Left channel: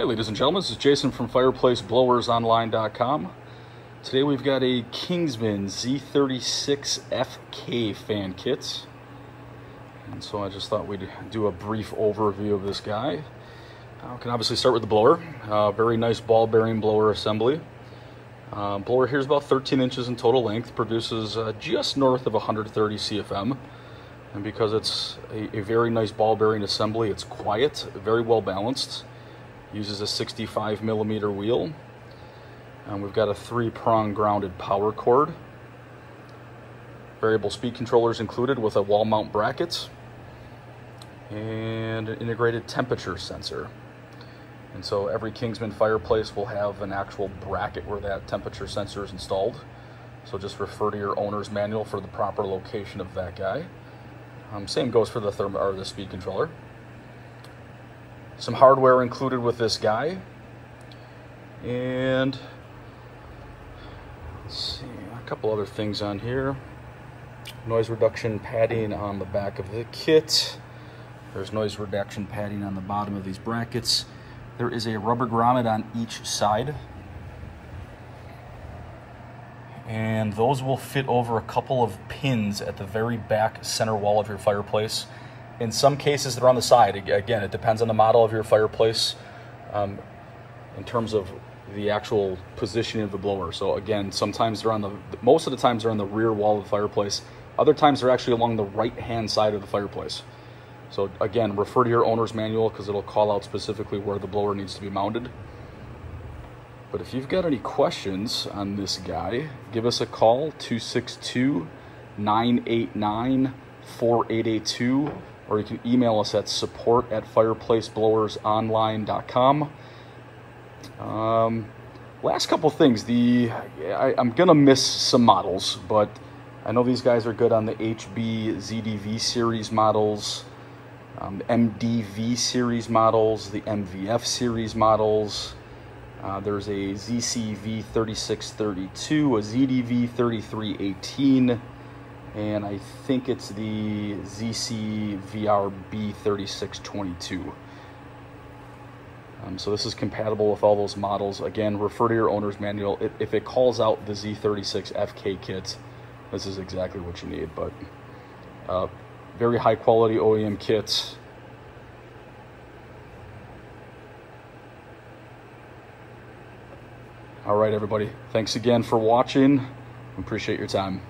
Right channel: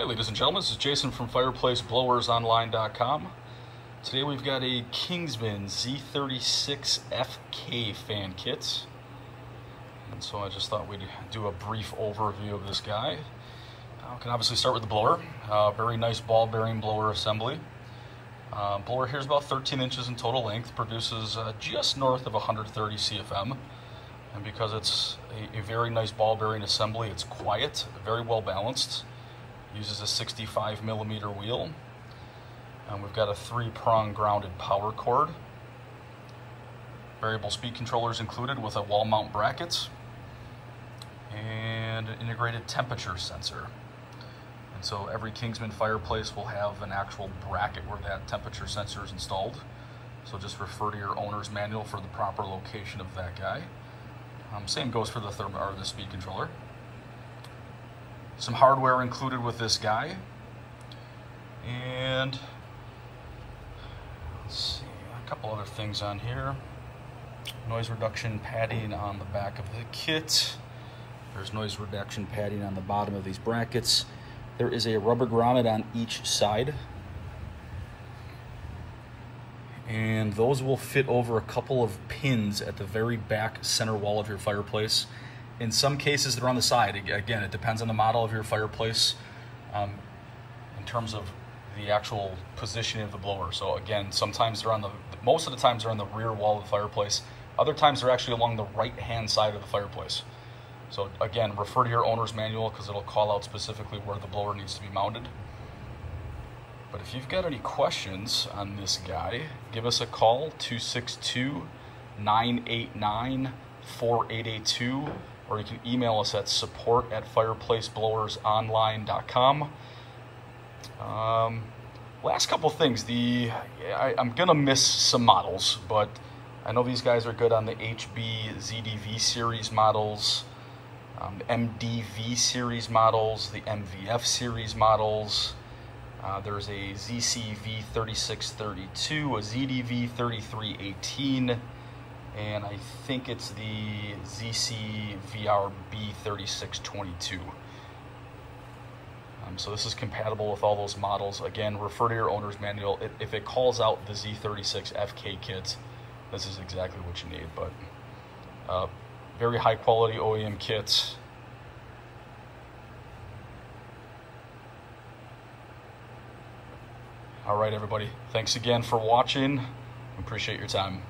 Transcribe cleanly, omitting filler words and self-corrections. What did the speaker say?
Hey ladies and gentlemen, this is Jason from FireplaceBlowersOnline.com. Today we've got a Kingsman Z36FK fan kit. And so I just thought we'd do a brief overview of this guy. We can obviously start with the blower. Very nice ball bearing blower assembly. Blower here is about 13 inches in total length, produces just north of 130 CFM. And because it's a very nice ball bearing assembly, it's quiet, very well balanced. Uses a 65 millimeter wheel, and we've got a 3-prong grounded power cord. Variable speed controllers included with a wall mount bracket and an integrated temperature sensor. And so every Kingsman fireplace will have an actual bracket where that temperature sensor is installed. So just refer to your owner's manual for the proper location of that guy. Same goes for the speed controller. Some hardware included with this guy, and let's see, a couple other things on here. Noise reduction padding on the back of the kit. There's noise reduction padding on the bottom of these brackets. There is a rubber grommet on each side, and those will fit over a couple of pins at the very back center wall of your fireplace. In some cases, they're on the side. Again, it depends on the model of your fireplace in terms of the actual positioning of the blower. So again, sometimes they're on most of the times they're on the rear wall of the fireplace. Other times they're actually along the right-hand side of the fireplace. So again, refer to your owner's manual because it'll call out specifically where the blower needs to be mounted. But if you've got any questions on this guy, give us a call, 262-989-4882. Or you can email us at support@fireplaceblowersonline.com. Last couple things. I'm gonna miss some models, but I know these guys are good on the HB ZDV series models, MDV series models, the MVF series models. There's a ZCV 3632, a ZDV 3318. And I think it's the ZCVRB 3622. So this is compatible with all those models. Again, refer to your owner's manual. If it calls out the Z36FK kit, this is exactly what you need. But very high quality OEM kits. All right, everybody. Thanks again for watching. Appreciate your time.